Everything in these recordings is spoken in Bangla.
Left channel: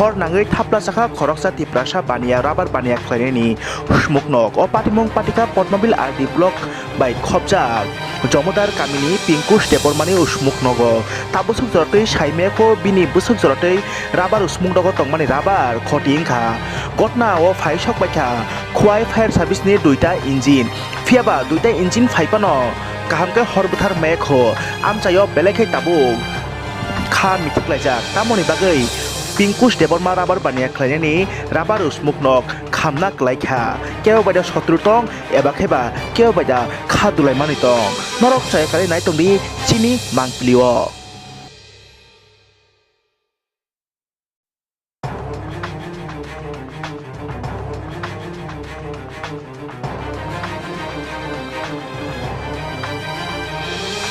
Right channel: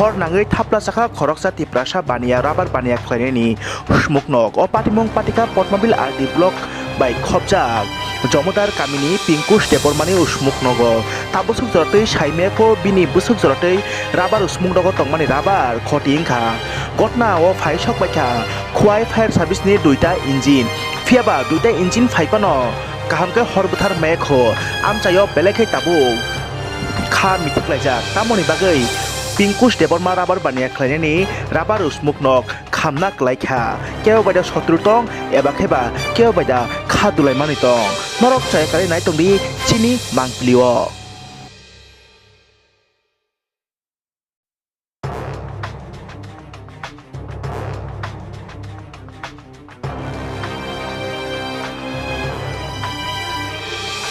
hor nangai thapla chakha khoroksa tiprasa bania rubber bania khlainani smuknok o patimong patika padmabil RD block by khobjak jomodar kamini pinkush depormani usmuknogo tabusuk jorotei saimeko bini busuk jorotei rubber usmuknogo tongmani rubber khoti ingkha gotna o phaisok baikha khowai fire service ni duita engine fiaba duita engine phaipano kahamke horbuthar mekho amchayo belekhai tabuk kha mitiklaijak tamoni bagai pinkush deporma rubber bania khlainani rubber usmuknok khamna klaikha keo baida sotrutong eba kheba keo baida kha dulai mani tong norok chai kare nai tongdi chini mangplio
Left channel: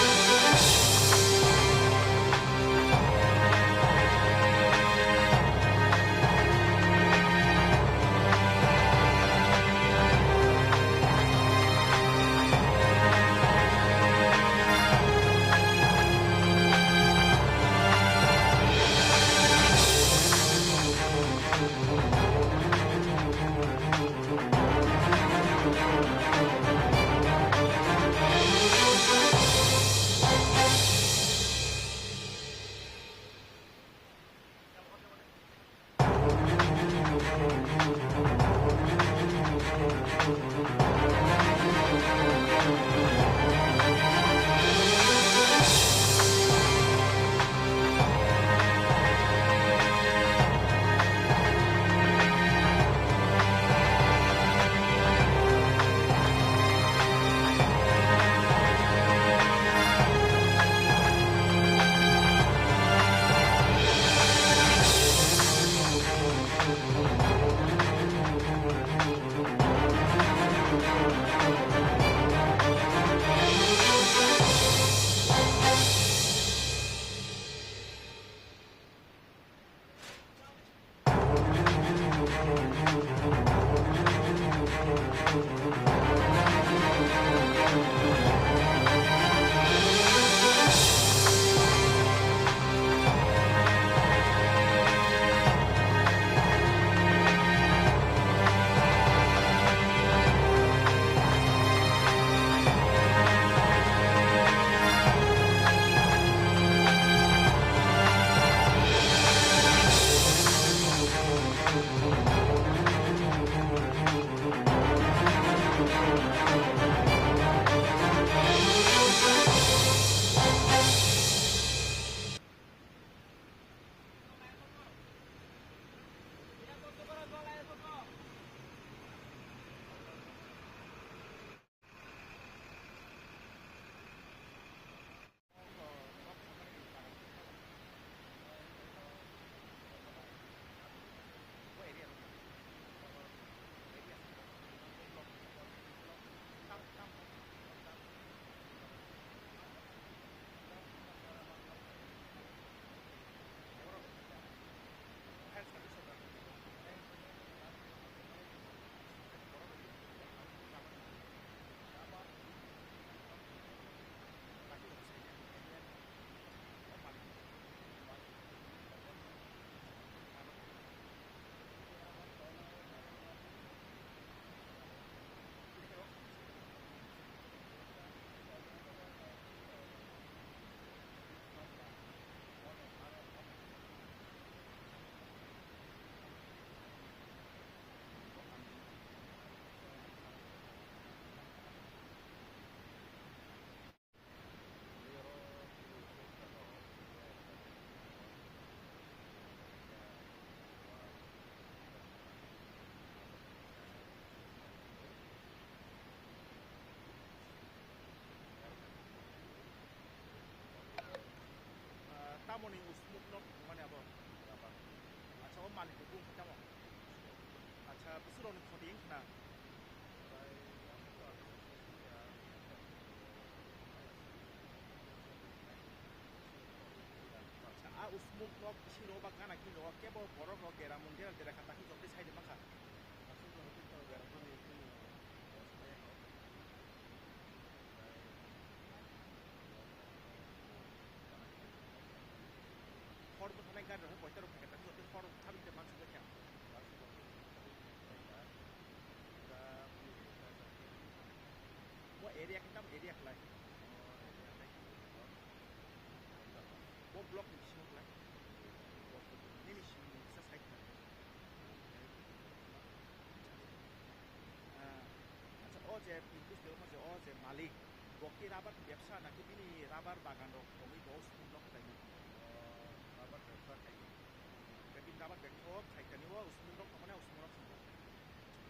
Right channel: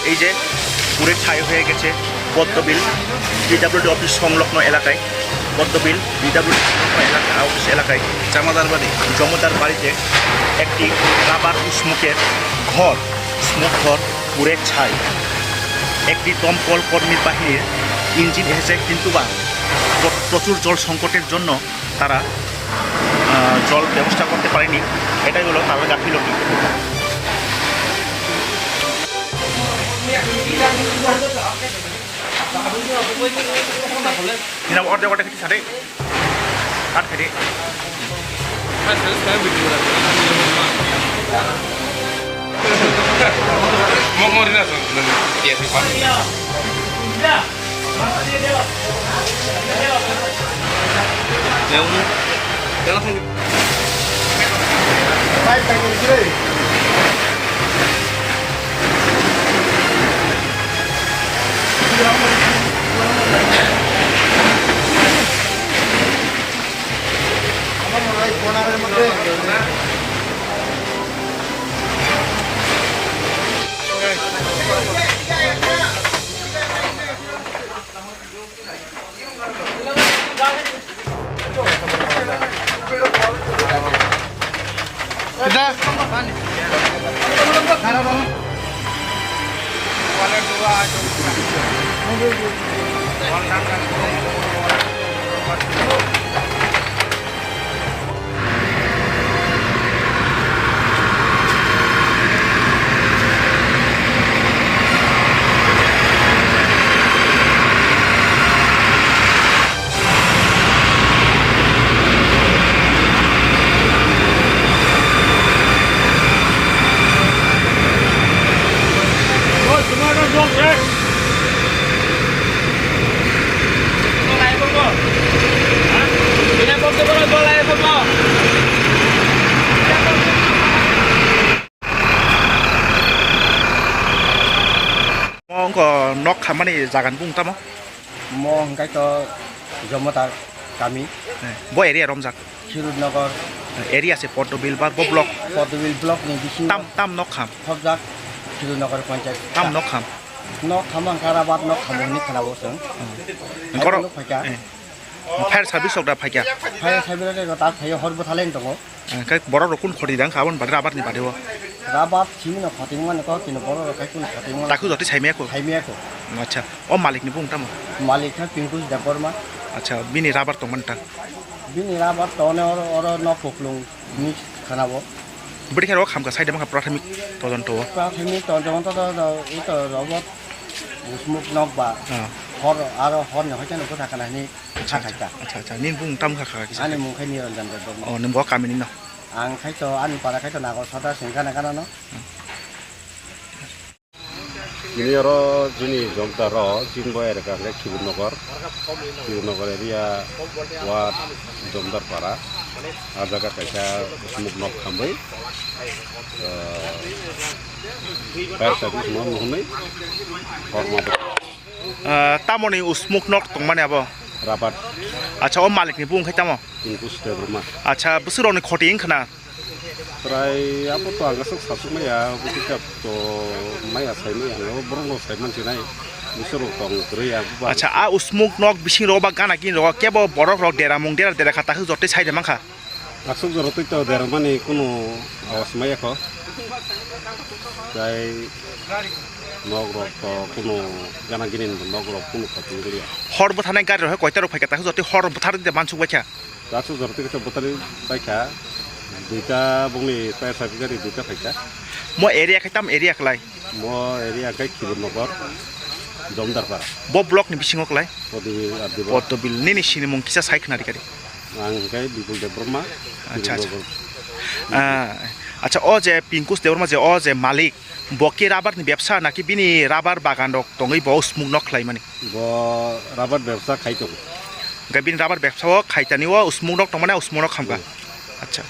এই যে পুরে ছাই হয়ে গেছে পদ্মবিল বিডব্লিউডি অফিস সংলগ্ন এলাকায় পদ্মবিল বিডব্লিউডি অফিস এলাকায় জমাদার বাড়িতে একটি রাবার স্মোকের ঘর স্মোক ঘর পুরে ছাই একটি দমকল কর্মীর বাহিনীর ইঞ্জিন এসেছে কিন্তু বা প্রচুর জল সংকটের জন্য তারা জল ব্যবস্থা করতে পারেনি এটাই হলো তাদের গাফিলতি Kita mau order kita cari, kan ini. Mau di mana? Dia di mana? Ya udah, ya langsung. Baik, baik. Nok khamani jagan bung tamo mo hangkai to jomota kami bo area romjak Khirudnagar area se padmabil bar bo block ni bisi tam nok kham khobjak Khirudnagar panchayat tam nok kham karabat nok khamoni khanabo sung koro fire service okda phaikya fire service re ta phayo horbo thalen tongo kai boro rokun khodi dang khabon badra abar ni badeo rabat chimi no khating man ko kino boro kai kun khating man taku joti saimia ko acha o malik ni bung tamo malik ha pinkus deporma acha bini rabar tongman ta bini rabat tone oro no poklung ni khanabo budi kharo kham ka side ma prathamic tojonto ito robot usmuk nok ba hor aro hor no hajan ko thakana ni acha nin bung tam kha kha ani mung khai ni ranjan do o nim bo kamini no ang khai to an para khai to nago sada singkana kana no ini ro jini jomta ro jingbo era ka le Khirudnagar area wat jomdar para ajaga kaisa smuk nok khambai fire service mo mohne forma tamoni usmuk nok tongmane abo rabat acha o malik ni bung khai tamo pinkus deporma acha busuro ni khoti ingkhana trai apa to agasuk sasuk maya butikap to maya sai maya lo borno sai man sinai busuro tong kriya acha a usmuk nok bising ro ba gana kin ro kebo borok rok dera mung dera dera khata jote saide mangkha asuk jorotoi to dermani kuno awas maya ko trai নগরক তো কোনো গানা গিনি নগরক কোনো ক্ষতি করিয়া হরবো থানায় গাড়ি রহে কয়টা রোগ ফাইকা তাকে যদি হরবো থার দিতে মানসুক বাইছা গাছও ধরতে গেছে বোতারি বাইকা দুইটা বংনি প্রায় সাবি গাড়ি দুইটা ফাইকা মই এরিয়া খাইতাম এরিয়া খলাই ম এরিয়া গাই খিবুর নগর জমদারপাড়া ব ব্লক ni bisingo klai পদবী padmabil ni sini mung kisa sai khna dikari আং গাই বিপুল দেব ব্রহ্মা আচ্ছা আচ্ছা ও যে পিঙ্কুস দেবর মাঝে ও যে মালিক বকি রাবার ni ব্যবসা নাকি বিনি রাবার বাগান রক তঙ্গই ব স্মুক নক লাই মানে ব রাবার ব্যবসা খাইতো গাই বিনি রাবার ব্যবসা ও খাইতানি ও স্মুক নক তমানে স্মুক নক খামবা আচ্ছা